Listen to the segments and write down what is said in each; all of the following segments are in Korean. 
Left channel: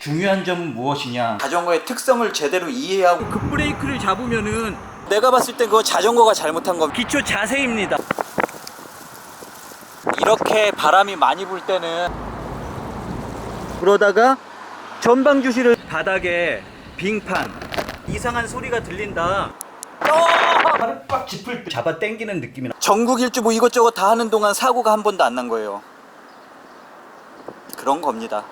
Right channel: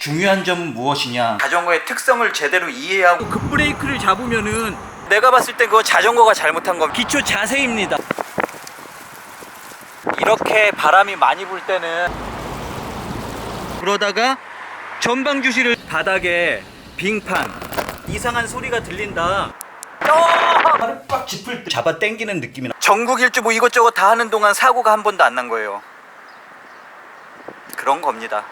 중요한 점은 무엇이냐? 자전거의 특성을 제대로 이해하고 급브레이크를 잡으면은 내가 봤을 때 그거 자전거가 잘못한 겁니다. 기초 자세입니다. 이렇게 바람이 많이 불 때는 그러다가 전방 주시를 바닥에 빙판 이상한 소리가 들린다. 팔을 꽉 짚을 때 잡아 당기는 느낌이 나. 전국 일주 뭐 이것저것 다 하는 동안 사고가 한 번도 안 난 거예요. 그런 겁니다.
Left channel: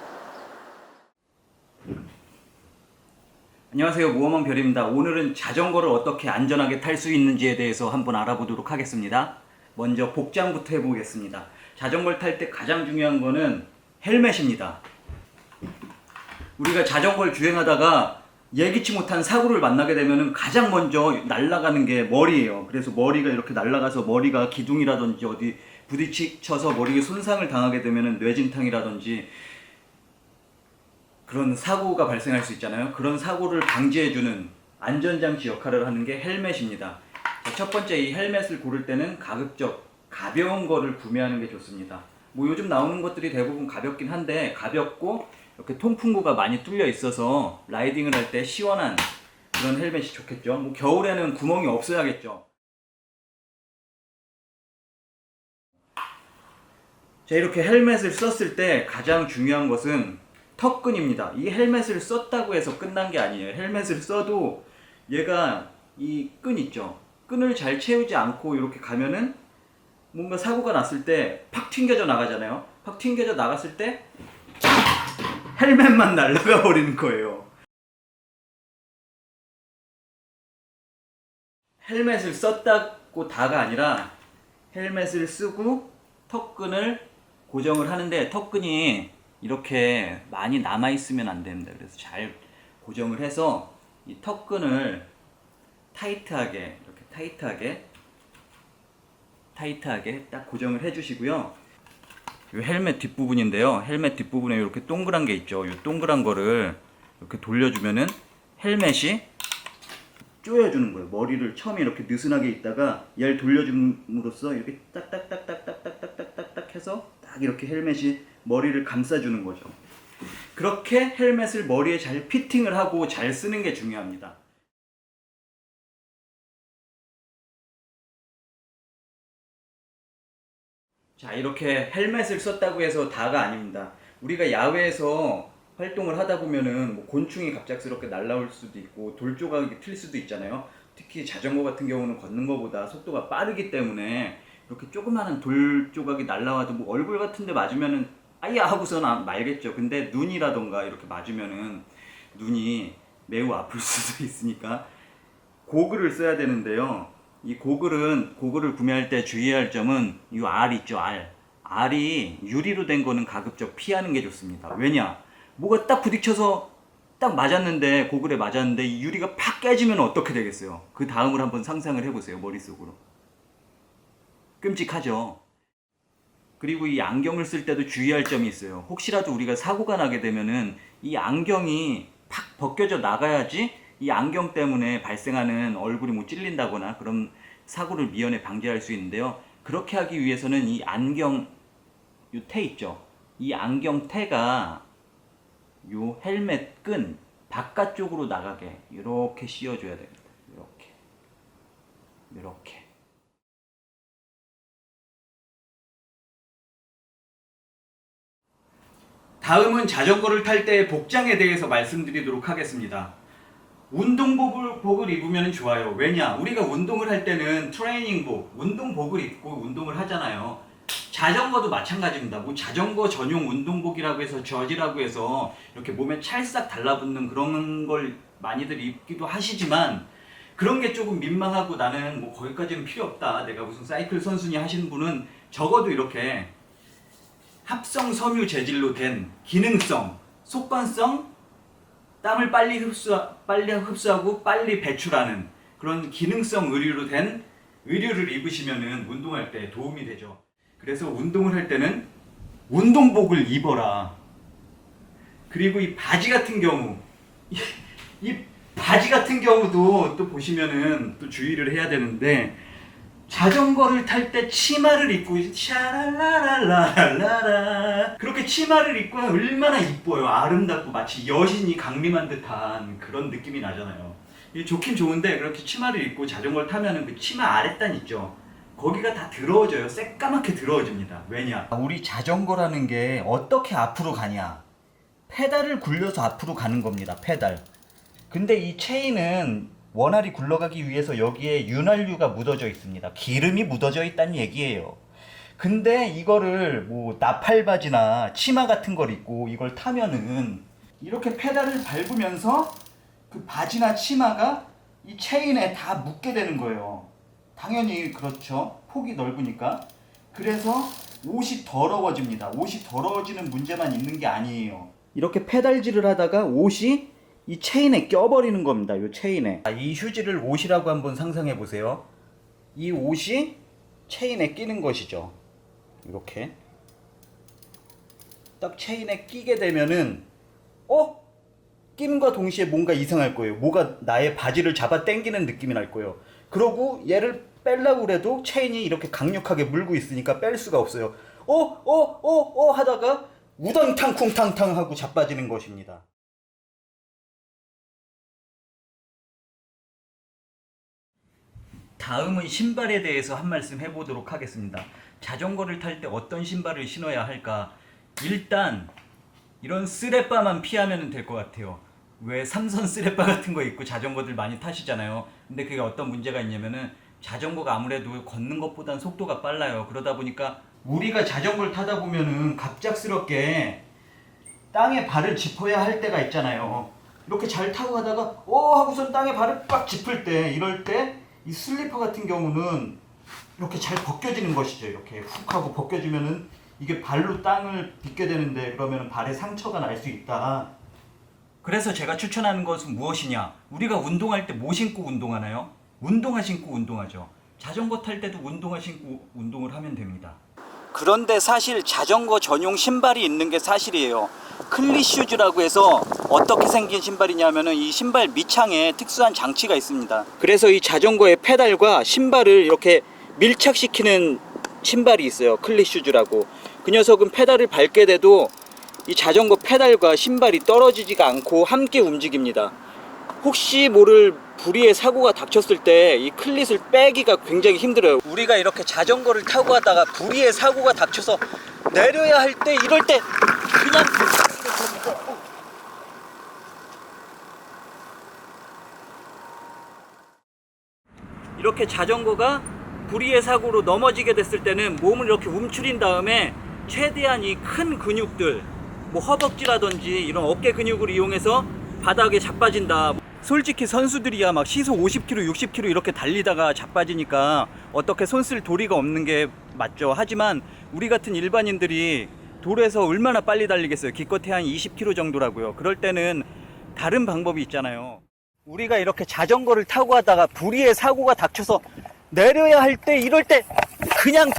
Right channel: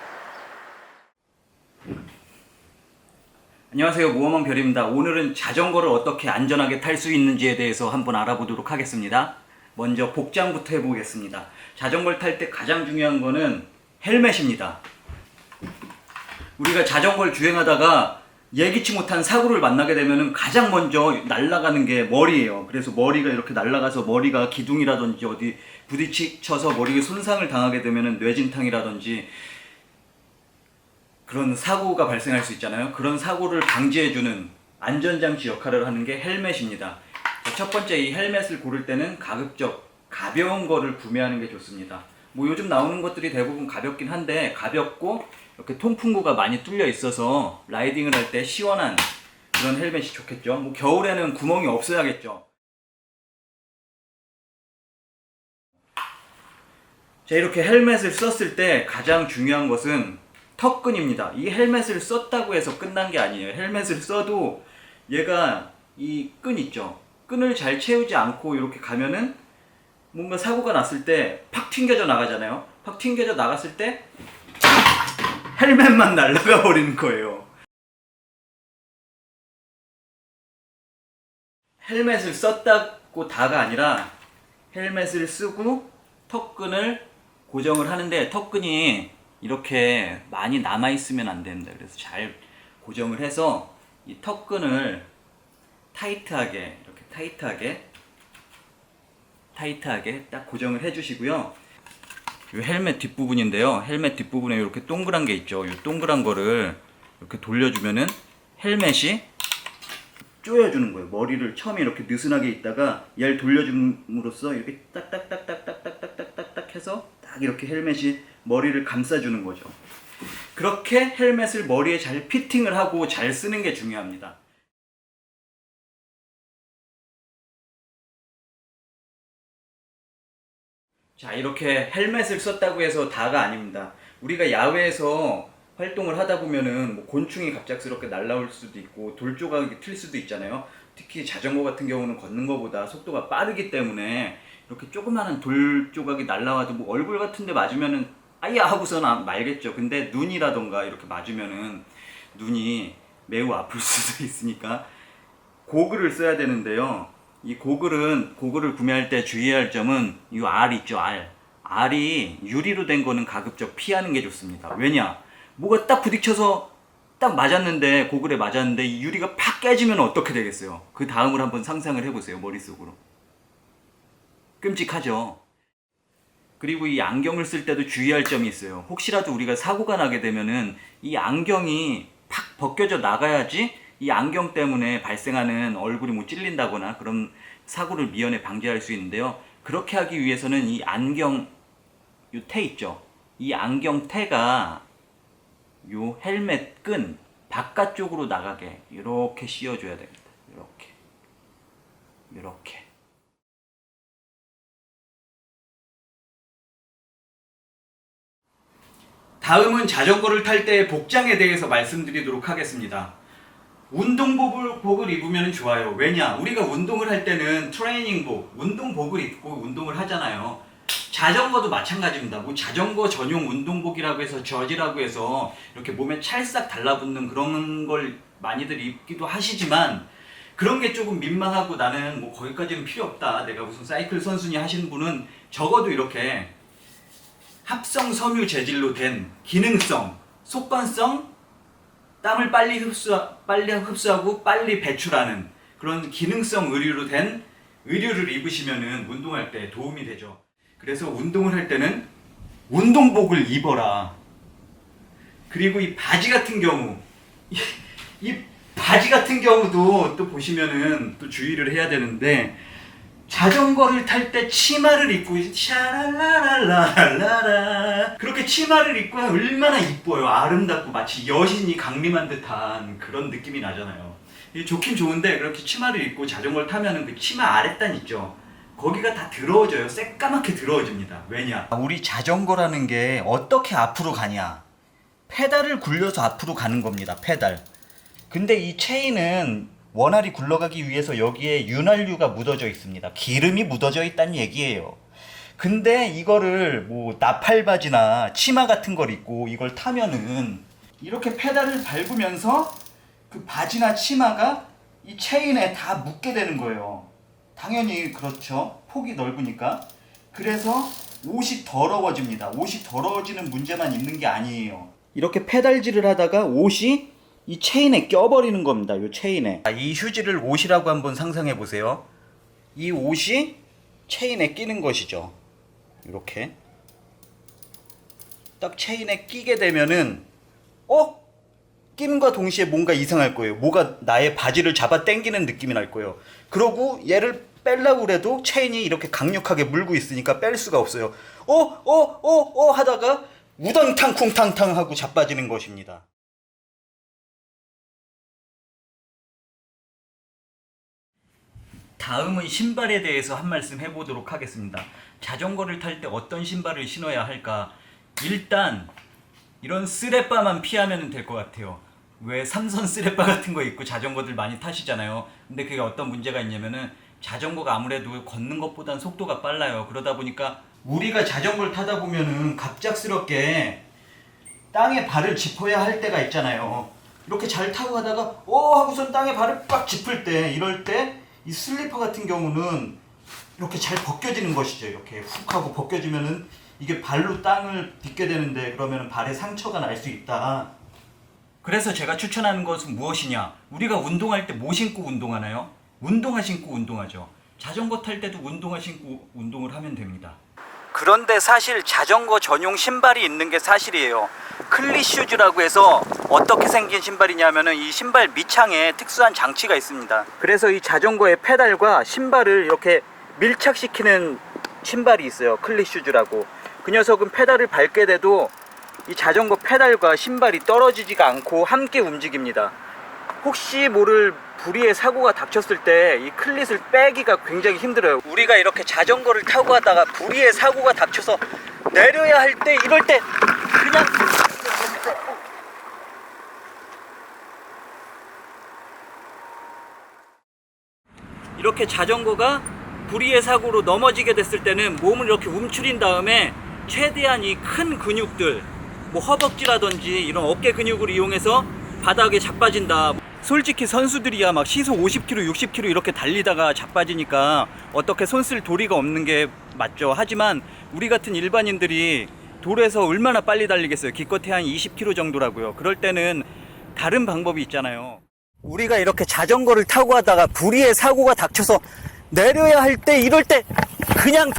안녕하세요, 모험왕 별입니다. 오늘은 자전거를 어떻게 안전하게 탈 수 있는지에 대해서 한번 알아보도록 하겠습니다. 먼저 복장부터 해보겠습니다. 자전거를 탈 때 가장 중요한 거는 헬멧입니다. 우리가 자전거를 주행하다가 예기치 못한 사고를 만나게 되면 가장 먼저 날아가는 게 머리예요. 그래서 머리가 이렇게 날아가서 머리가 기둥이라든지 어디 부딪혀서 머리에 손상을 당하게 되면 뇌진탕이라든지 그런 사고가 발생할 수 있잖아요. 그런 사고를 방지해주는 안전장치 역할을 하는 게 헬멧입니다. 첫 번째, 이 헬멧을 고를 때는 가급적 가벼운 거를 구매하는 게 좋습니다. 뭐 요즘 나오는 것들이 대부분 가볍긴 한데, 가볍고 이렇게 통풍구가 많이 뚫려 있어서 라이딩을 할 때 시원한 그런 헬멧이 좋겠죠. 뭐 겨울에는 구멍이 없어야겠죠. 자, 이렇게 헬멧을 썼을 때 가장 중요한 것은 턱끈입니다. 이 헬멧을 썼다고 해서 끝난 게 아니에요. 헬멧을 써도 얘가 이 끈 있죠. 끈을 잘 채우지 않고 이렇게 가면은 뭔가 사고가 났을 때 팍 튕겨져 나가잖아요. 팍 튕겨져 나갔을 때 헬멧만 날아가 버리는 거예요. 헬멧을 썼다고 다가 아니라 헬멧을 쓰고 턱끈을 고정을 하는데, 턱끈이 이렇게 많이 남아 있으면 안 됩니다. 그래서 잘 고정을 해서 이 턱끈을 타이트하게, 이렇게 타이트하게 딱 고정을 해 주시고요. 이 헬멧 뒷부분인데요. 헬멧 뒷부분에 이렇게 동그란 게 있죠. 이 동그란 거를 이렇게 돌려주면은 헬멧이 조여주는 거예요. 머리를 처음에 이렇게 느슨하게 있다가 얘를 돌려줌으로써 이렇게 딱딱딱딱딱딱딱딱딱 해서 딱 이렇게 헬멧이 머리를 감싸주는 거죠. 그렇게 헬멧을 머리에 잘 피팅을 하고 잘 쓰는 게 중요합니다. 자, 이렇게 헬멧을 썼다고 해서 다가 아닙니다. 우리가 야외에서 활동을 하다 보면은 뭐 곤충이 갑작스럽게 날아올 수도 있고 돌 조각이 튈 수도 있잖아요. 특히 자전거 같은 경우는 걷는 것보다 속도가 빠르기 때문에 이렇게 조그마한 돌 조각이 날아와도 뭐 얼굴 같은 데 맞으면은 아야 하고서는 말겠죠. 근데 눈이라던가 이렇게 맞으면은 눈이 매우 아플 수도 있으니까 고글을 써야 되는데요. 이 고글을 구매할 때 주의해야 할 점은 이 알 있죠, 알. 알이 유리로 된 거는 가급적 피하는 게 좋습니다. 왜냐? 뭐가 딱 부딪혀서 딱 맞았는데, 고글에 맞았는데 이 유리가 팍 깨지면 어떻게 되겠어요? 그 다음을 한번 상상을 해보세요, 머릿속으로. 끔찍하죠. 그리고 이 안경을 쓸 때도 주의할 점이 있어요. 혹시라도 우리가 사고가 나게 되면은 이 안경이 팍 벗겨져 나가야지 이 안경 때문에 발생하는 얼굴이 뭐 찔린다거나 그런 사고를 미연에 방지할 수 있는데요. 그렇게 하기 위해서는 이 안경, 요 테 있죠. 이 안경 테가 요 헬멧 끈 바깥쪽으로 나가게 이렇게 씌워줘야 됩니다. 이렇게. 다음은 자전거를 탈 때의 복장에 대해서 말씀드리도록 하겠습니다. 운동복을 입으면 좋아요. 왜냐? 우리가 운동을 할 때는 트레이닝복, 운동복을 입고 운동을 하잖아요. 자전거도 마찬가지입니다. 뭐 자전거 전용 운동복이라고 해서 저지라고 해서 이렇게 몸에 찰싹 달라붙는 그런 걸 많이들 입기도 하시지만, 그런 게 조금 민망하고 나는 뭐 거기까지는 필요 없다, 내가 무슨 사이클 선수냐 하시는 분은 적어도 이렇게 합성 섬유 재질로 된 기능성, 속건성, 땀을 빨리 흡수하고 빨리 배출하는 그런 기능성 의류로 된 의류를 입으시면은 운동할 때 도움이 되죠. 그래서 운동을 할 때는 운동복을 입어라. 그리고 이 바지 같은 경우, 이 바지 같은 경우도 또 보시면은 또 주의를 해야 되는데, 자전거를 탈 때 치마를 입고 샤랄라랄라랄라라 그렇게 치마를 입고 얼마나 이뻐요. 아름답고 마치 여신이 강림한 듯한 그런 느낌이 나잖아요. 좋긴 좋은데 그렇게 치마를 입고 자전거를 타면은 그 치마 아랫단 있죠. 거기가 다 더러워져요. 새까맣게 더러워집니다. 왜냐? 우리 자전거라는 게 어떻게 앞으로 가냐? 페달을 굴려서 앞으로 가는 겁니다. 페달. 근데 이 체인은 원활히 굴러가기 위해서 여기에 윤활유가 묻어져 있습니다. 기름이 묻어져 있다는 얘기예요. 근데 이거를 뭐 나팔바지나 치마 같은 걸 입고 이걸 타면은 이렇게 페달을 밟으면서 그 바지나 치마가 이 체인에 다 묻게 되는 거예요. 당연히 그렇죠. 폭이 넓으니까. 그래서 옷이 더러워집니다. 옷이 더러워지는 문제만 있는 게 아니에요. 이렇게 페달질을 하다가 옷이 이 체인에 껴버리는 겁니다. 이 체인에. 이 휴지를 옷이라고 한번 상상해 보세요. 이 옷이 체인에 끼는 것이죠. 이렇게 딱 체인에 끼게 되면은 끼는과 동시에 뭔가 이상할 거예요. 뭐가 나의 바지를 잡아 당기는 느낌이 날 거예요. 그러고 얘를 뺄라고 그래도 체인이 이렇게 강력하게 물고 있으니까 뺄 수가 없어요. 하다가 우당탕 쿵탕탕 하고 자빠지는 것입니다. 다음은 신발에 대해서 한 말씀 해보도록 하겠습니다. 자전거를 탈 때 어떤 신발을 신어야 할까? 일단 이런 쓰레빠만 피하면 될 것 같아요. 왜 삼선 쓰레빠 같은 거 입고 자전거들 많이 타시잖아요. 근데 그게 어떤 문제가 있냐면은 자전거가 아무래도 걷는 것보단 속도가 빨라요. 그러다 보니까 우리가 자전거를 타다 보면은 갑작스럽게 땅에 발을 짚어야 할 때가 있잖아요. 이렇게 잘 타고 가다가 하고선 땅에 발을 빡 짚을 때, 이럴 때 이 슬리퍼 같은 경우는 이렇게 잘 벗겨지는 것이죠. 이렇게 훅 하고 벗겨지면은 이게 발로 땅을 딛게 되는데 그러면 발에 상처가 날 수 있다. 그래서 제가 추천하는 것은 무엇이냐? 우리가 운동할 때 뭐 신고 운동하나요? 운동화 신고 운동하죠. 자전거 탈 때도 운동화 신고 운동을 하면 됩니다. 그런데 사실 자전거 전용 신발이 있는 게 사실이에요. 클리슈즈라고 해서 어떻게 생긴 신발이냐면은 이 신발 밑창에 특수한 장치가 있습니다. 그래서 이 자전거의 페달과 신발을 이렇게 밀착시키는 신발이 있어요. 클리슈즈라고. 그 녀석은 페달을 밟게 돼도 이 자전거 페달과 신발이 떨어지지가 않고 함께 움직입니다. 혹시 모를 불의의 사고가 닥쳤을 때 이 클릿을 빼기가 굉장히 힘들어요. 우리가 이렇게 자전거를 타고 가다가 불의의 사고가 닥쳐서 내려야 할 때, 이럴 때 그냥 이렇게 자전거가 불의의 사고로 넘어지게 됐을 때는 몸을 이렇게 움츠린 다음에 최대한 이 큰 근육들, 뭐 허벅지라든지 이런 어깨 근육을 이용해서 바닥에 자빠진다. 솔직히 선수들이야 막 시속 50km, 60km 이렇게 달리다가 자빠지니까 어떻게 손 쓸 도리가 없는 게 맞죠. 하지만 우리 같은 일반인들이 도로에서 얼마나 빨리 달리겠어요. 기껏해 한 20km 정도라고요. 그럴 때는 다른 방법이 있잖아요. 우리가 이렇게 자전거를 타고 가다가 불의의 사고가 닥쳐서 내려야 할 때, 이럴 때 그냥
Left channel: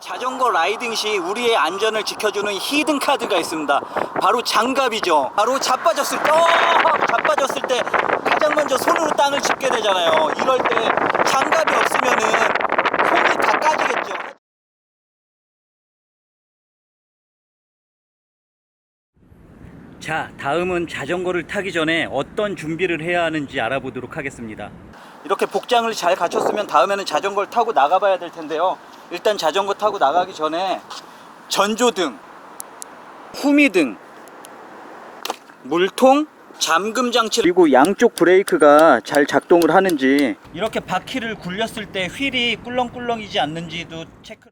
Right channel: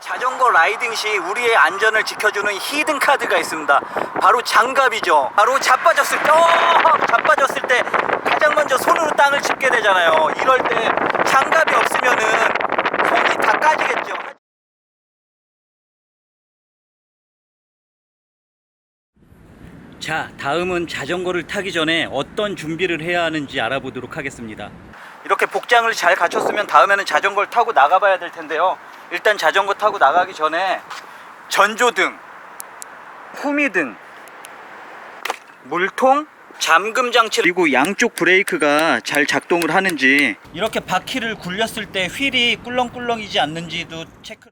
자전거 라이딩 시 우리의 안전을 지켜주는 히든 카드가 있습니다. 바로 장갑이죠. 바로 자빠졌을 때 가장 먼저 손으로 땅을 짚게 되잖아요. 이럴 때 장갑이 없으면은 손이 다 까지겠죠. 자, 다음은 자전거를 타기 전에 어떤 준비를 해야 하는지 알아보도록 하겠습니다. 이렇게 복장을 잘 갖췄으면 다음에는 자전거를 타고 나가봐야 될 텐데요. 일단 자전거 타고 나가기 전에 전조등, 후미등, 물통, 잠금 장치, 그리고 양쪽 브레이크가 잘 작동을 하는지, 이렇게 바퀴를 굴렸을 때 휠이 꿀렁꿀렁이지 않는지도 체크.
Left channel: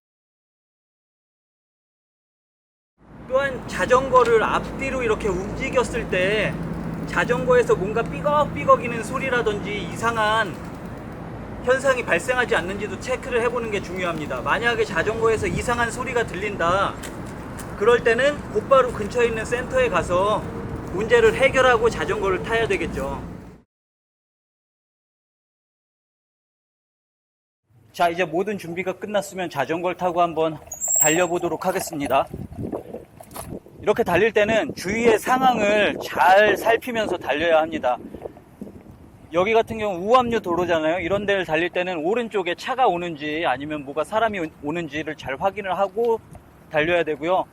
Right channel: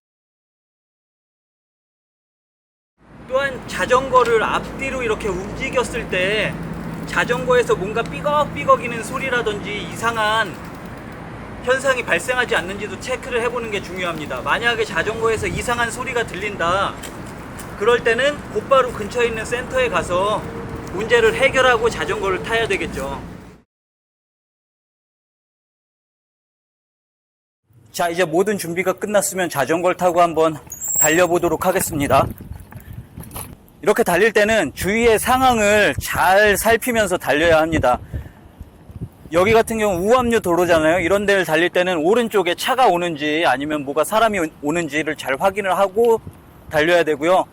또한 자전거를 앞뒤로 이렇게 움직였을 때 자전거에서 뭔가 삐걱삐걱이는 소리라든지 이상한 현상이 발생하지 않는지도 체크를 해보는 게 중요합니다. 만약에 자전거에서 이상한 소리가 들린다, 그럴 때는 곧바로 근처에 있는 센터에 가서 문제를 해결하고 자전거를 타야 되겠죠. 자, 이제 모든 준비가 끝났으면 자전거를 타고 한번 달려보도록 하겠습니다. 이렇게 달릴 때는 주위의 상황을 잘 살피면서 달려야 합니다. 여기 같은 경우 우암류 도로잖아요. 이런 데를 달릴 때는 오른쪽에 차가 오는지 아니면 뭐가 사람이 오는지를 잘 확인을 하고 달려야 되고요.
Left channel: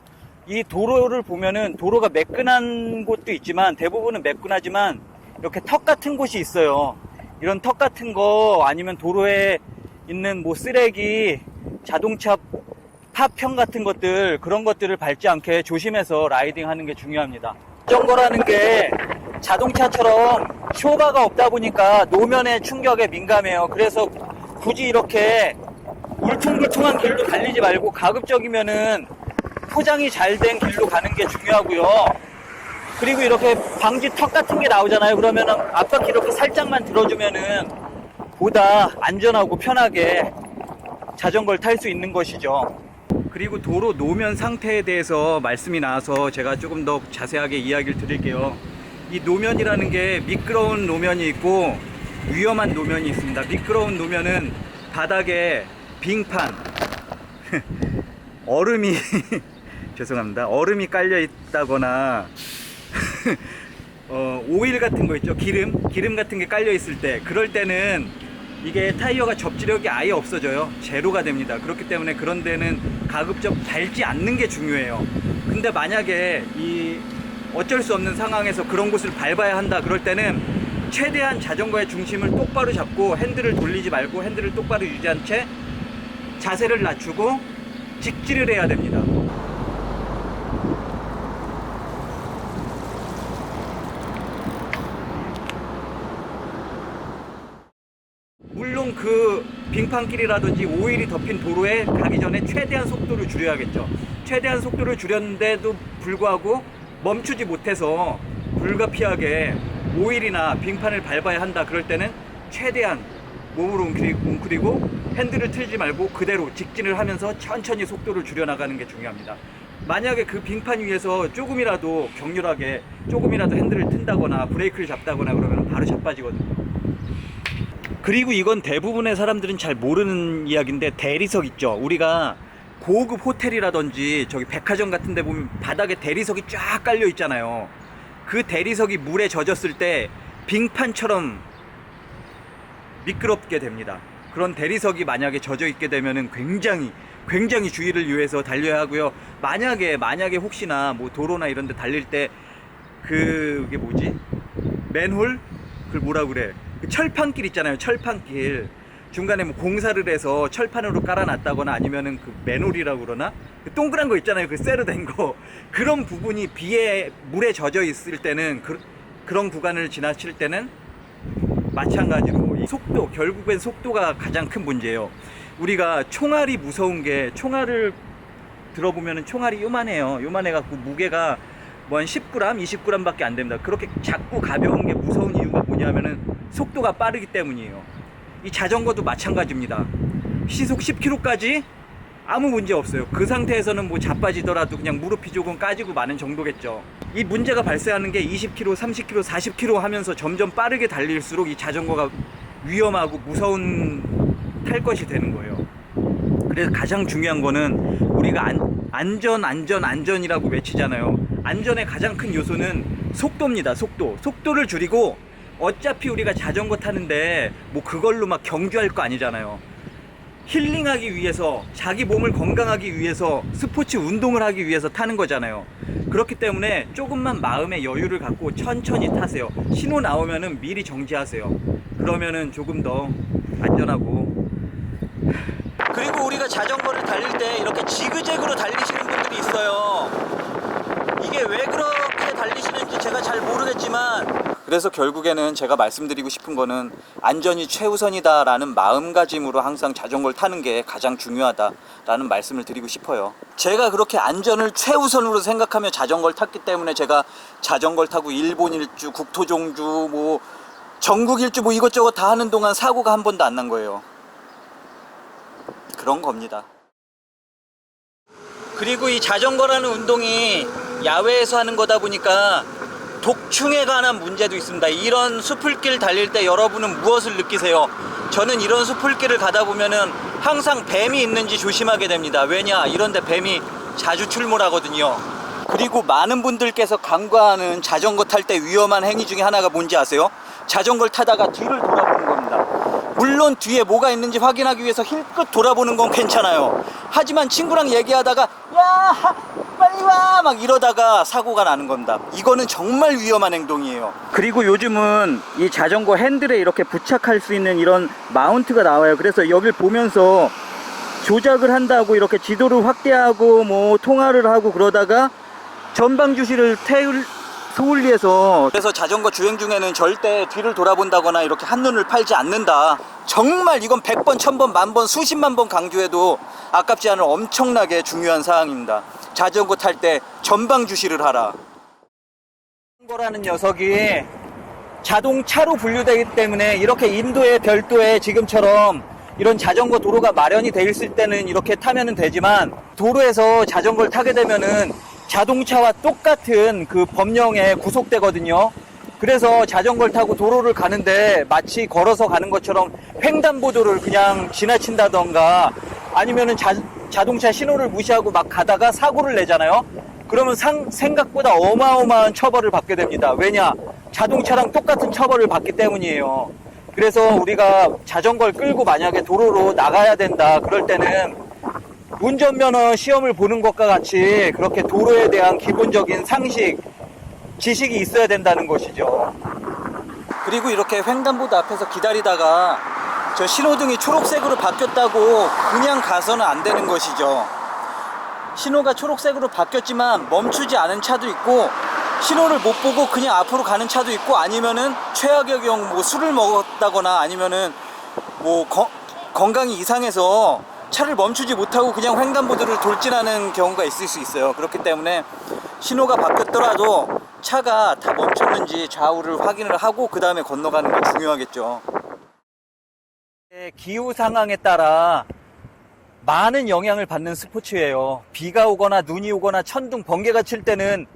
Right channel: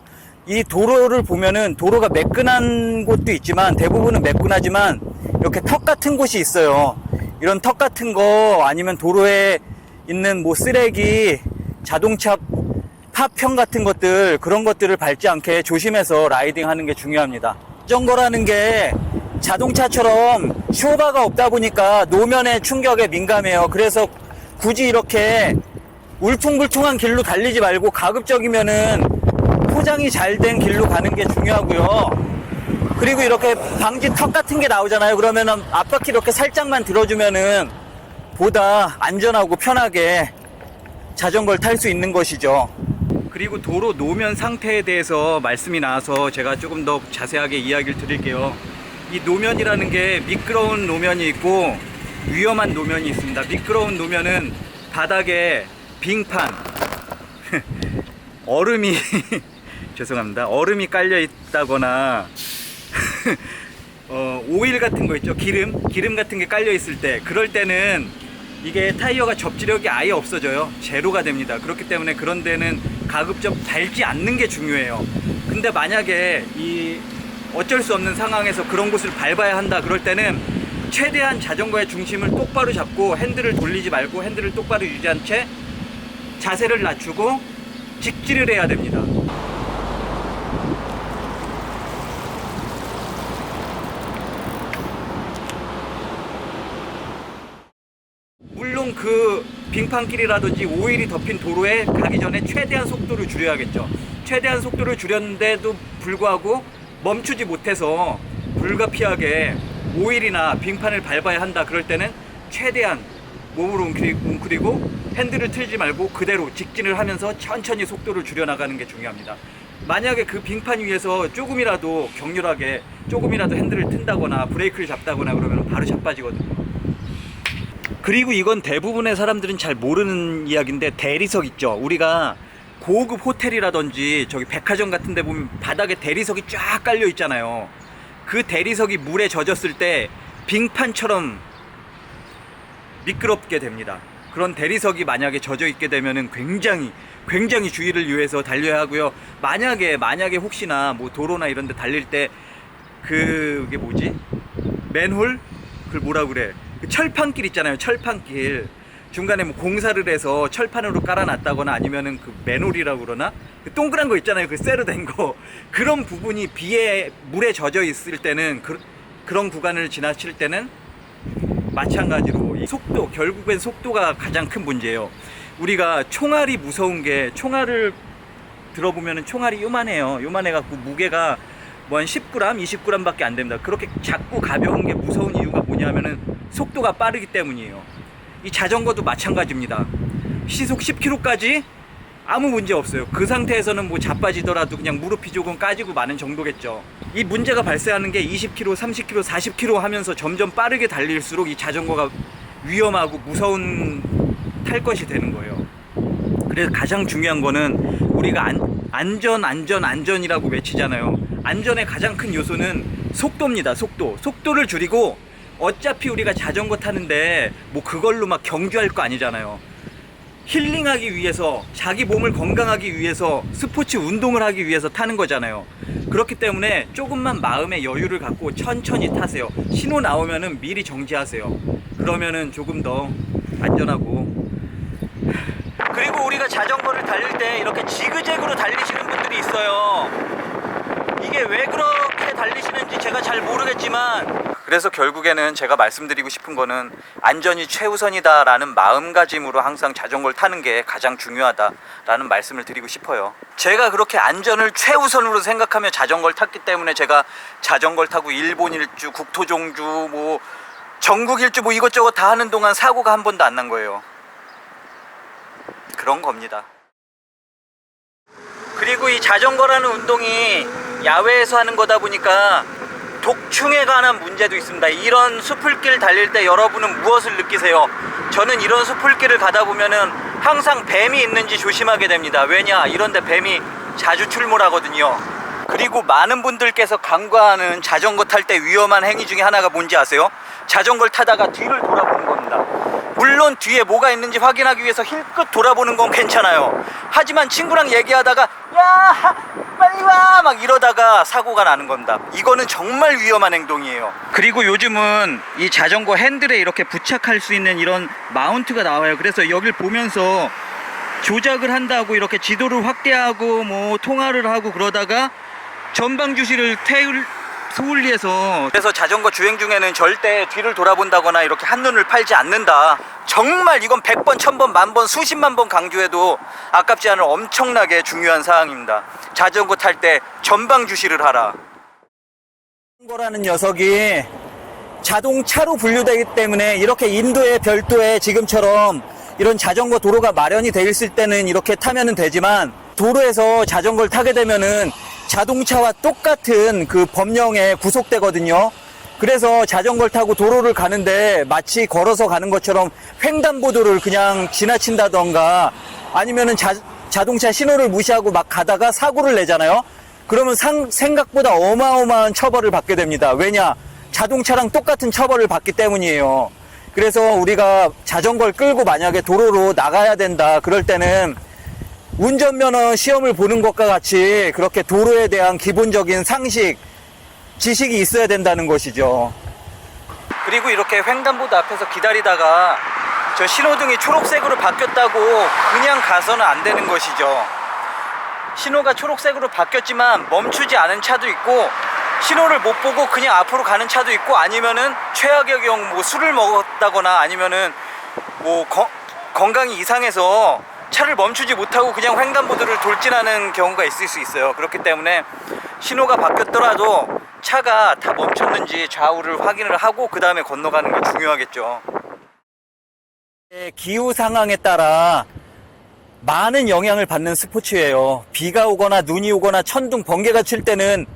이 도로를 보면은 도로가 매끈한 곳도 있지만 대부분은 매끈하지만 이렇게 턱 같은 곳이 있어요. 이런 턱 같은 거 아니면 도로에 있는 뭐 쓰레기, 자동차 파편 같은 것들, 그런 것들을 밟지 않게 조심해서 라이딩 하는 게 중요합니다. 자전거라는 게 자동차처럼 쇼가가 없다 보니까 노면의 충격에 민감해요. 그래서 굳이 이렇게 울퉁불퉁한 길로 달리지 말고 가급적이면은 포장이 잘 된 길로 가는 게 중요하고요. 그리고 이렇게 방지 턱 같은 게 나오잖아요. 그러면은 앞바퀴 이렇게 살짝만 들어주면은 보다 안전하고 편하게 자전거를 탈 수 있는 것이죠. 그리고 도로 노면 상태에 대해서 말씀이 나와서 제가 조금 더 자세하게 이야기를 드릴게요. 이 노면이라는 게 미끄러운 노면이 있고 위험한 노면이 있습니다. 미끄러운 노면은 바닥에 빙판, 얼음이 죄송합니다. 얼음이 깔려 있다거나 오일 같은 거 있죠. 기름 같은 게 깔려 있을 때, 그럴 때는 이게 타이어가 접지력이 아예 없어져요. 제로가 됩니다. 그렇기 때문에 그런 데는 가급적 밟지 않는 게 중요해요. 근데 만약에 이 어쩔 수 없는 상황에서 그런 곳을 밟아야 한다 그럴 때는 최대한 자전거의 중심을 똑바로 잡고 핸들을 돌리지 말고 핸들을 똑바로 유지한 채 자세를 낮추고 직진을 해야 됩니다. 물론 그 빙판길이라든지 오일이 덮인 도로에 가기 전에 최대한 속도를 줄여야겠죠. 최대한 속도를 줄였는데도 불구하고 멈추지 못해서 불가피하게 오일이나 빙판을 밟아야 한다 그럴 때는 최대한 몸을 웅크리고 핸들을 틀지 말고 그대로 직진을 하면서 천천히 속도를 줄여나가는 게 중요합니다. 만약에 그 빙판 위에서 조금이라도 격렬하게 조금이라도 핸들을 튼다거나 브레이크를 잡다거나 그러면 바로 자빠지거든요. 그리고 이건 대부분의 사람들은 잘 모르는 이야기인데 대리석 있죠. 우리가 고급 호텔이라든지 저기 백화점 같은 데 보면 바닥에 대리석이 쫙 깔려 있잖아요. 그 대리석이 물에 젖었을 때 빙판처럼 미끄럽게 됩니다. 그런 대리석이 만약에 젖어 있게 되면은 굉장히 주의를 유의해서 달려야 하고요. 만약에 혹시나 뭐 도로나 이런 데 달릴 때 그게 뭐지? 맨홀? 그걸 뭐라 그래? 그 철판길 있잖아요. 철판길. 중간에 뭐 공사를 해서 철판으로 깔아놨다거나 아니면은 그 맨홀이라고 그러나? 그 동그란 거 있잖아요. 그 쇠로 된 거. 그런 부분이 비에, 물에 젖어 있을 때는 그런 구간을 지나칠 때는 마찬가지로 이 속도, 결국엔 속도가 가장 큰 문제예요. 우리가 총알이 무서운 게, 총알을 들어보면은 총알이 요만해요. 요만해갖고 무게가 뭐 한 10g, 20g 밖에 안 됩니다. 그렇게 작고 가벼운 게 무서운 이유가 뭐냐면은 속도가 빠르기 때문이에요. 이 자전거도 마찬가지입니다. 시속 10km까지 아무 문제 없어요. 그 상태에서는 뭐 자빠지더라도 그냥 무릎이 조금 까지고 마는 정도겠죠. 이 문제가 발생하는 게 20km, 30km, 40km 하면서 점점 빠르게 달릴수록 이 자전거가 위험하고 무서운 탈 것이 되는 거예요. 그래서 가장 중요한 거는 우리가 안전이라고 외치잖아요. 안전의 가장 큰 요소는 속도입니다. 속도를 줄이고, 어차피 우리가 자전거 타는데 뭐 그걸로 막 경주할 거 아니잖아요. 힐링하기 위해서, 자기 몸을 건강하기 위해서, 스포츠 운동을 하기 위해서 타는 거잖아요. 그렇기 때문에 조금만 마음의 여유를 갖고 천천히 타세요. 신호 나오면은 미리 정지하세요. 그러면은 조금 더 안전하고. 그리고 우리가 자전거를 달릴 때 이렇게 지그재그로 달리시는 분들이 있어요. 이게 왜 그렇게 달리시는지 제가 잘 모르겠지만, 그래서 결국에는 제가 말씀드리고 싶은 거는 안전이 최우선이다라는 마음가짐으로 항상 자전거를 타는 게 가장 중요하다라는 말씀을 드리고 싶어요. 제가 그렇게 안전을 최우선으로 생각하며 자전거를 탔기 때문에 제가 자전거를 타고 일본 일주, 국토종주, 뭐 전국 일주 뭐 이것저것 다 하는 동안 사고가 한 번도 안 난 거예요. 그런 겁니다. 그리고 이 자전거라는 운동이 야외에서 하는 거다 보니까 독충에 관한 문제도 있습니다. 이런 숲을길 달릴 때 여러분은 무엇을 느끼세요? 저는 이런 숲을길을 가다 보면은 항상 뱀이 있는지 조심하게 됩니다. 왜냐, 이런데 뱀이 자주 출몰하거든요. 그리고 많은 분들께서 간과하는 자전거 탈 때 위험한 행위 중에 하나가 뭔지 아세요? 자전거를 타다가 뒤를 돌아보는 겁니다. 물론 뒤에 뭐가 있는지 확인하기 위해서 힐끗 돌아보는 건 괜찮아요. 하지만 친구랑 얘기하다가 야 빨리 와 막 이러다가 사고가 나는 겁니다. 이거는 정말 위험한 행동이에요. 그리고 요즘은 이 자전거 핸들에 이렇게 부착할 수 있는 이런 마운트가 나와요. 그래서 여길 보면서 조작을 한다고 이렇게 지도를 확대하고 뭐 통화를 하고 그러다가 전방 주시를 소홀리해서, 그래서 자전거 주행 중에는 절대 뒤를 돌아본다거나 이렇게 한눈을 팔지 않는다. 정말 이건 100번, 1000번, 만번, 수십만 번 강조해도 아깝지 않은 엄청나게 중요한 사항입니다. 자전거 탈 때 전방 주시를 하라. 자전거라는 녀석이 자동차로 분류되기 때문에 이렇게 인도에 별도에 지금처럼 이런 자전거 도로가 마련이 돼 있을 때는 이렇게 타면은 되지만, 도로에서 자전거를 타게 되면은 자동차와 똑같은 그 법령에 구속되거든요. 그래서 자전거를 타고 도로를 가는데 마치 걸어서 가는 것처럼 횡단보도를 그냥 지나친다던가 아니면은 자동차 신호를 무시하고 막 가다가 사고를 내잖아요. 그러면 생각보다 어마어마한 처벌을 받게 됩니다. 왜냐? 자동차랑 똑같은 처벌을 받기 때문이에요. 그래서 우리가 자전거를 끌고 만약에 도로로 나가야 된다, 그럴 때는 운전면허 시험을 보는 것과 같이 그렇게 도로에 대한 기본적인 상식, 지식이 있어야 된다는 것이죠. 그리고 이렇게 횡단보도 앞에서 기다리다가 저 신호등이 초록색으로 바뀌었다고 그냥 가서는 안 되는 것이죠. 신호가 초록색으로 바뀌었지만 멈추지 않은 차도 있고, 신호를 못 보고 그냥 앞으로 가는 차도 있고, 아니면은 최악의 경우 뭐 술을 먹었다거나 아니면은 뭐 건강이 이상해서 차를 멈추지 못하고 그냥 횡단보도를 돌진하는 경우가 있을 수 있어요. 그렇기 때문에 신호가 바뀌었더라도 차가 다 멈췄는지 좌우를 확인을 하고 그 다음에 건너가는 게 중요하겠죠. 기후 상황에 따라 많은 영향을 받는 스포츠예요. 비가 오거나 눈이 오거나 천둥, 번개가 칠 때는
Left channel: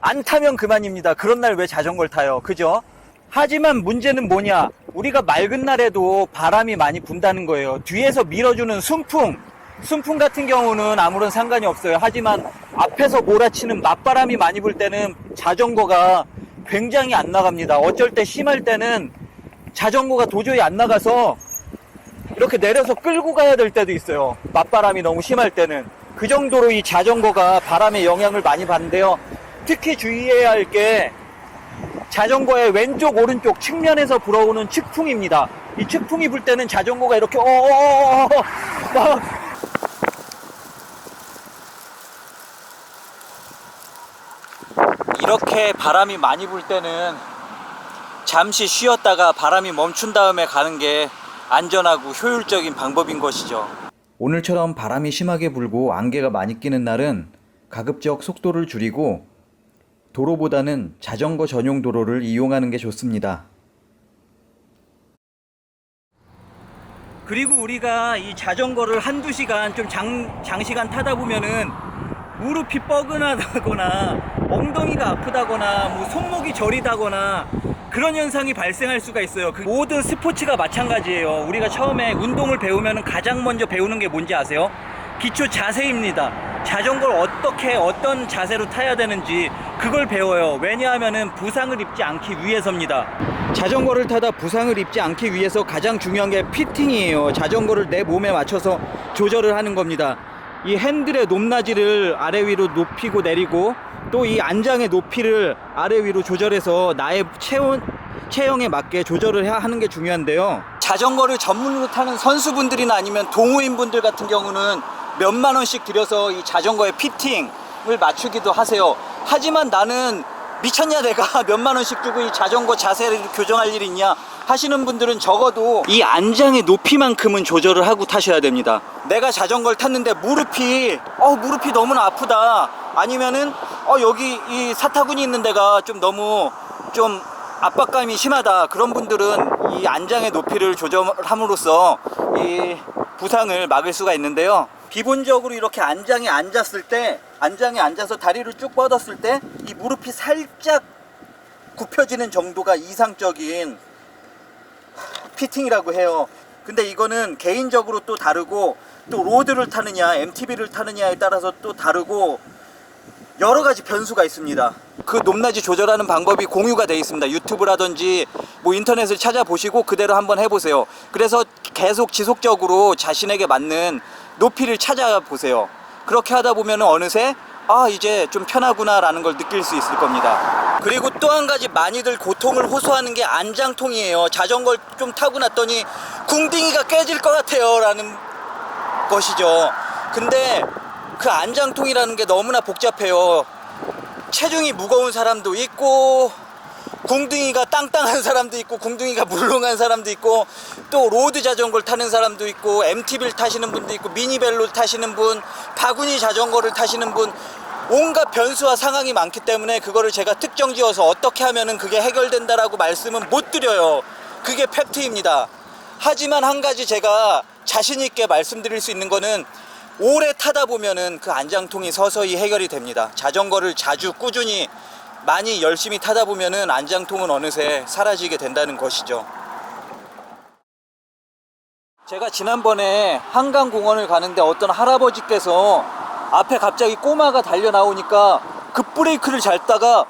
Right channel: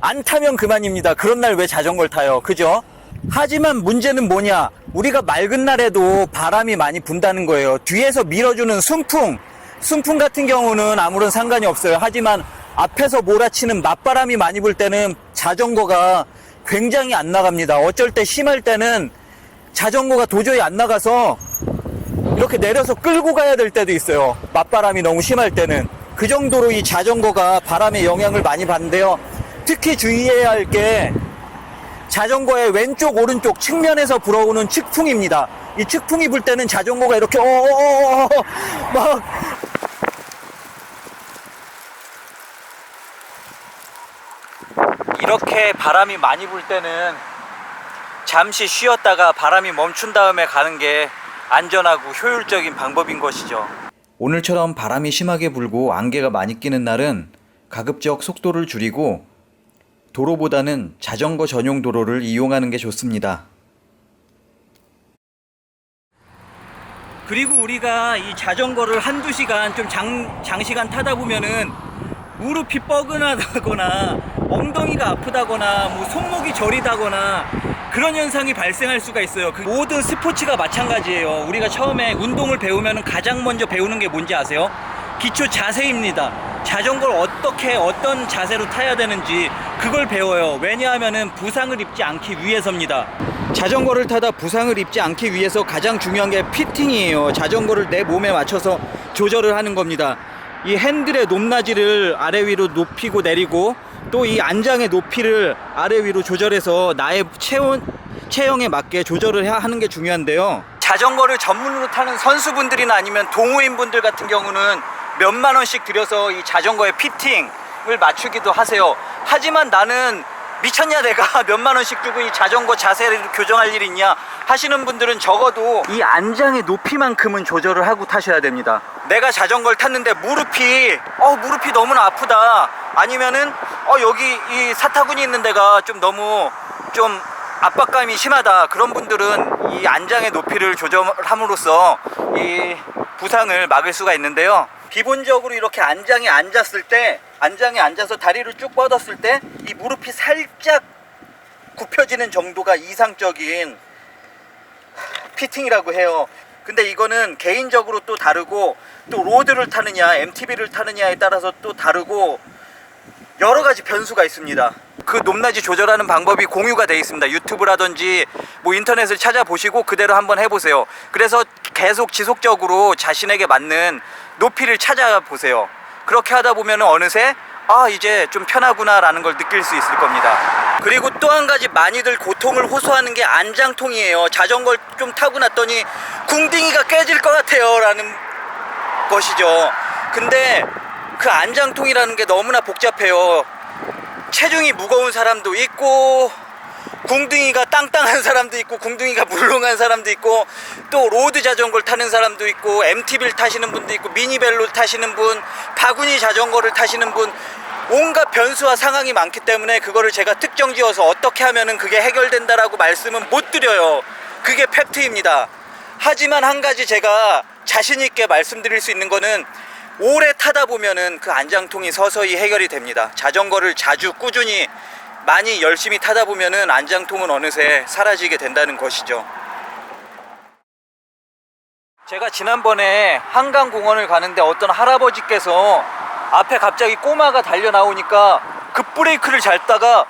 안 타면 그만입니다. 그런 날 왜 자전거를 타요? 그죠? 하지만 문제는 뭐냐? 우리가 맑은 날에도 바람이 많이 분다는 거예요. 뒤에서 밀어주는 순풍 같은 경우는 아무런 상관이 없어요. 하지만 앞에서 몰아치는 맞바람이 많이 불 때는 자전거가 굉장히 안 나갑니다. 어쩔 때 심할 때는 자전거가 도저히 안 나가서 이렇게 내려서 끌고 가야 될 때도 있어요. 맞바람이 너무 심할 때는. 그 정도로 이 자전거가 바람의 영향을 많이 받는데요. 특히 주의해야 할 게 자전거의 왼쪽 오른쪽 측면에서 불어오는 측풍입니다. 이 측풍이 불 때는 자전거가 이렇게 막 이렇게 바람이 많이 불 때는 잠시 쉬었다가 바람이 멈춘 다음에 가는 게 안전하고 효율적인 방법인 것이죠. 오늘처럼 바람이 심하게 불고 안개가 많이 끼는 날은 가급적 속도를 줄이고 도로보다는 자전거 전용 도로를 이용하는 게 좋습니다. 그리고 우리가 이 자전거를 한두 시간 좀 장시간 타다 보면은 무릎이 뻐근하다거나 엉덩이가 아프다거나 뭐 손목이 저리다거나 그런 현상이 발생할 수가 있어요. 그 모든 스포츠가 마찬가지예요. 우리가 처음에 운동을 배우면 가장 먼저 배우는 게 뭔지 아세요? 기초 자세입니다. 자전거를 어떤 자세로 타야 되는지 그걸 배워요. 왜냐하면은 부상을 입지 않기 위해서입니다. 자전거를 타다 부상을 입지 않기 위해서 가장 중요한 게 피팅이에요. 자전거를 내 몸에 맞춰서 조절을 하는 겁니다. 이 핸들의 높낮이를 아래 위로 높이고 내리고, 또 이 안장의 높이를 아래 위로 조절해서 나의 체형에 맞게 조절을 하는 게 중요한데요. 자전거를 전문으로 타는 선수분들이나 아니면 동호인분들 같은 경우는 몇만 원씩 들여서 이 자전거의 피팅을 맞추기도 하세요. 하지만 나는 미쳤냐 내가 몇만 원씩 주고 이 자전거 자세를 교정할 일이 있냐 하시는 분들은 적어도 이 안장의 높이만큼은 조절을 하고 타셔야 됩니다. 내가 자전거를 탔는데 무릎이 너무나 아프다, 아니면은 여기 이 사타구니 있는 데가 좀 너무 좀 압박감이 심하다, 그런 분들은 이 안장의 높이를 조절함으로써 이 부상을 막을 수가 있는데요. 기본적으로 이렇게 안장에 앉아서 다리를 쭉 뻗었을 때 이 무릎이 살짝 굽혀지는 정도가 이상적인 피팅이라고 해요. 근데 이거는 개인적으로 또 다르고 또 로드를 타느냐 MTB를 타느냐에 따라서 또 다르고 여러 가지 변수가 있습니다. 그 높낮이 조절하는 방법이 공유가 되어 있습니다. 유튜브라든지 뭐 인터넷을 찾아보시고 그대로 한번 해보세요. 그래서 계속 지속적으로 자신에게 맞는 높이를 찾아보세요. 그렇게 하다 보면 어느새 이제 좀 편하구나 라는 걸 느낄 수 있을 겁니다. 그리고 또 한 가지 많이들 고통을 호소하는 게 안장통이에요. 자전거를 좀 타고 났더니 궁둥이가 깨질 것 같아요 라는 것이죠. 근데 그 안장통이라는 게 너무나 복잡해요. 체중이 무거운 사람도 있고 궁둥이가 땅땅한 사람도 있고 궁둥이가 물렁한 사람도 있고 또 로드 자전거를 타는 사람도 있고 MTB를 타시는 분도 있고 미니벨로 타시는 분, 바구니 자전거를 타시는 분, 온갖 변수와 상황이 많기 때문에 그거를 제가 특정 지어서 어떻게 하면은 그게 해결된다라고 말씀은 못 드려요. 그게 팩트입니다. 하지만 한 가지 제가 자신 있게 말씀드릴 수 있는 거는 오래 타다 보면은 그 안장통이 서서히 해결이 됩니다. 자전거를 자주 꾸준히 많이 열심히 타다 보면은 안장통은 어느새 사라지게 된다는 것이죠. 제가 지난번에 한강공원을 가는데 어떤 할아버지께서 앞에 갑자기 꼬마가 달려 나오니까 급브레이크를 밟다가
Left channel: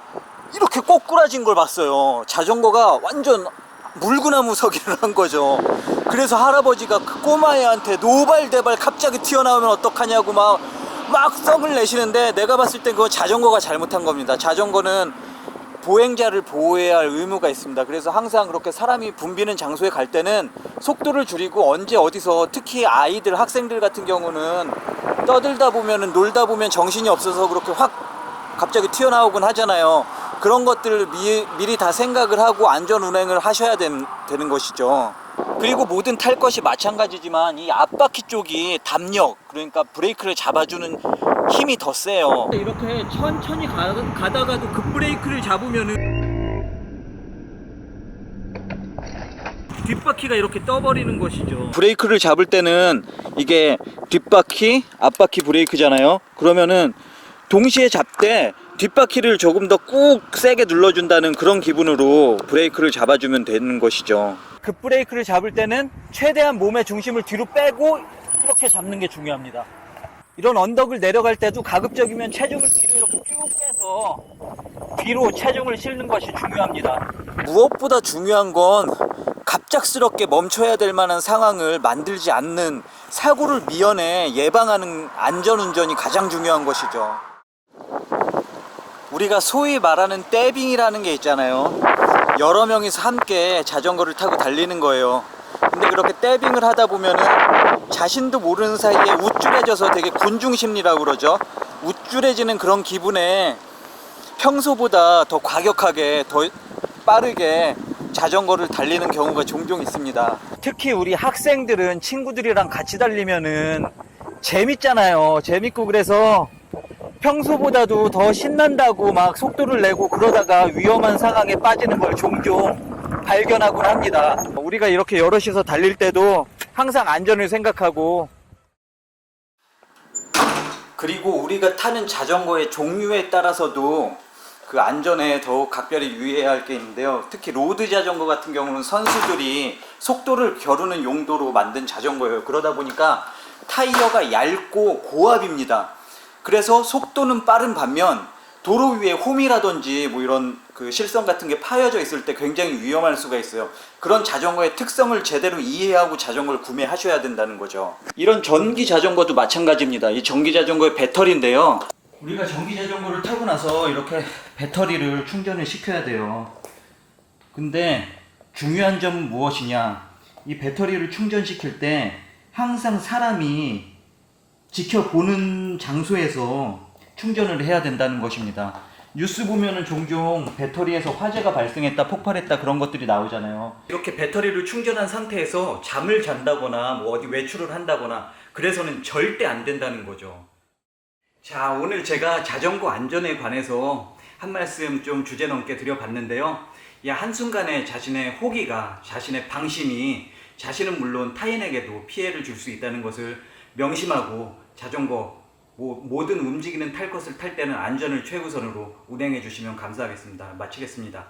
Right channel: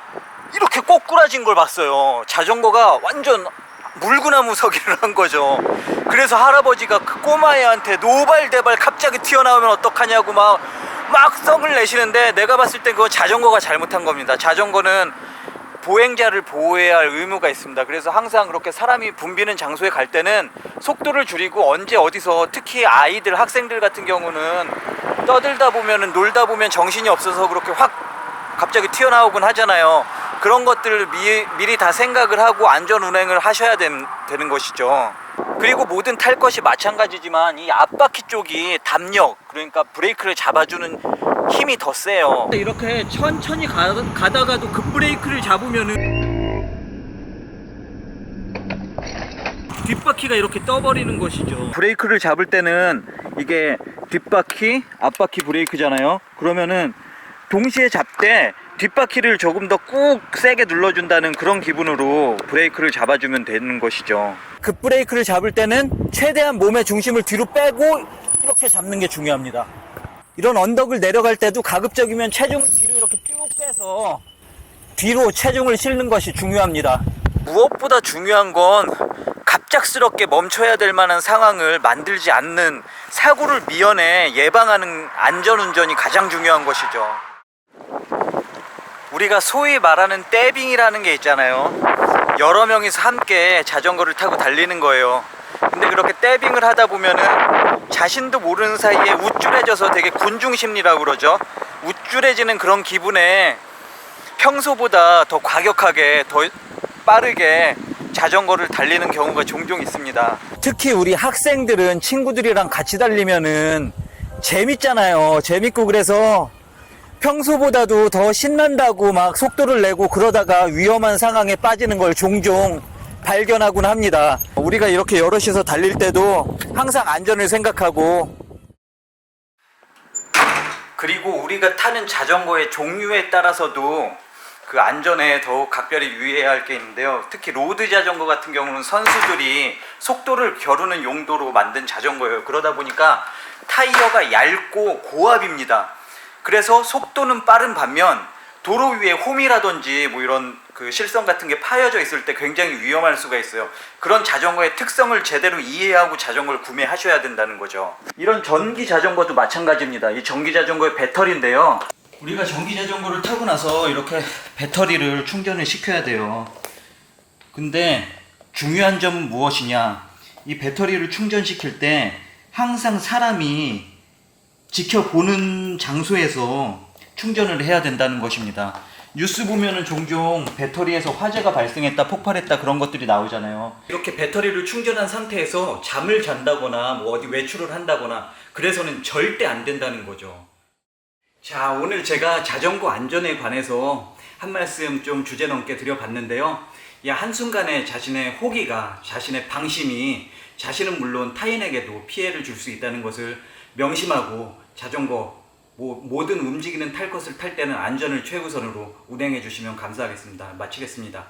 이렇게 꼬꾸라진 걸 봤어요. 자전거가 완전 물구나무 서기를 한 거죠. 그래서 할아버지가 그 꼬마애한테 노발대발 갑자기 튀어나오면 어떡하냐고 막 성을 내시는데, 내가 봤을 땐 그거 자전거가 잘못한 겁니다. 자전거는 보행자를 보호해야 할 의무가 있습니다. 그래서 항상 그렇게 사람이 붐비는 장소에 갈 때는 속도를 줄이고, 언제 어디서 특히 아이들, 학생들 같은 경우는 떠들다 보면은, 놀다 보면 정신이 없어서 그렇게 확 갑자기 튀어나오곤 하잖아요. 그런 것들을 미리 다 생각을 하고 안전 운행을 하셔야 되는 것이죠. 그리고 모든 탈 것이 마찬가지지만 이 앞바퀴 쪽이 담력, 그러니까 브레이크를 잡아주는 힘이 더 세요. 이렇게 천천히 가다가도 급브레이크를 잡으면은 뒷바퀴가 이렇게 떠버리는 것이죠. 브레이크를 잡을 때는 이게 뒷바퀴, 앞바퀴 브레이크잖아요. 그러면은 동시에 잡되 뒷바퀴를 조금 더 꾹 세게 눌러준다는 그런 기분으로 브레이크를 잡아주면 되는 것이죠. 급브레이크를 잡을 때는 최대한 몸의 중심을 뒤로 빼고 이렇게 잡는 게 중요합니다. 이런 언덕을 내려갈 때도 가급적이면 체중을 뒤로 이렇게 쭉 빼서 뒤로 체중을 실는 것이 중요합니다. 무엇보다 중요한 건 갑작스럽게 멈춰야 될 만한 상황을 만들지 않는, 사고를 미연에 예방하는 안전운전이 가장 중요한 것이죠. 우리가 소위 말하는 떼빙이라는 게 있잖아요. 여러 명이서 함께 자전거를 타고 달리는 거예요. 근데 그렇게 떼빙을 하다 보면은 자신도 모르는 사이에 우쭐해져서 되게 군중심리라고 그러죠. 우쭐해지는 그런 기분에 평소보다 더 과격하게, 더 빠르게 자전거를 달리는 경우가 종종 있습니다. 특히 우리 학생들은 친구들이랑 같이 달리면은 재밌잖아요. 재밌고, 그래서 평소보다도 더 신난다고 막 속도를 내고 그러다가 위험한 상황에 빠지는 걸 종종 발견하곤 합니다. 우리가 이렇게 여럿이서 달릴 때도 항상 안전을 생각하고, 그리고 우리가 타는 자전거의 종류에 따라서도 그 안전에 더욱 각별히 유의해야 할 게 있는데요. 특히 로드 자전거 같은 경우는 선수들이 속도를 겨루는 용도로 만든 자전거예요. 그러다 보니까 타이어가 얇고 고압입니다. 그래서 속도는 빠른 반면 도로 위에 홈이라든지 뭐 이런 그 실선 같은 게 파여져 있을 때 굉장히 위험할 수가 있어요. 그런 자전거의 특성을 제대로 이해하고 자전거를 구매하셔야 된다는 거죠. 이런 전기 자전거도 마찬가지입니다. 이 전기 자전거의 배터리인데요. 우리가 전기 자전거를 타고 나서 이렇게 배터리를 충전을 시켜야 돼요. 근데 중요한 점은 무엇이냐? 이 배터리를 충전시킬 때 항상 사람이 지켜보는 장소에서 충전을 해야 된다는 것입니다. 뉴스 보면은 종종 배터리에서 화재가 발생했다, 폭발했다, 그런 것들이 나오잖아요. 이렇게 배터리를 충전한 상태에서 잠을 잔다거나 뭐 어디 외출을 한다거나 그래서는 절대 안 된다는 거죠. 자, 오늘 제가 자전거 안전에 관해서 한 말씀 좀 주제넘게 드려봤는데요. 한순간에 자신의 호기가, 자신의 방심이 자신은 물론 타인에게도 피해를 줄 수 있다는 것을 명심하고, 자전거 모든 움직이는 탈 것을 탈 때는 안전을 최우선으로 운행해 주시면 감사하겠습니다. 마치겠습니다.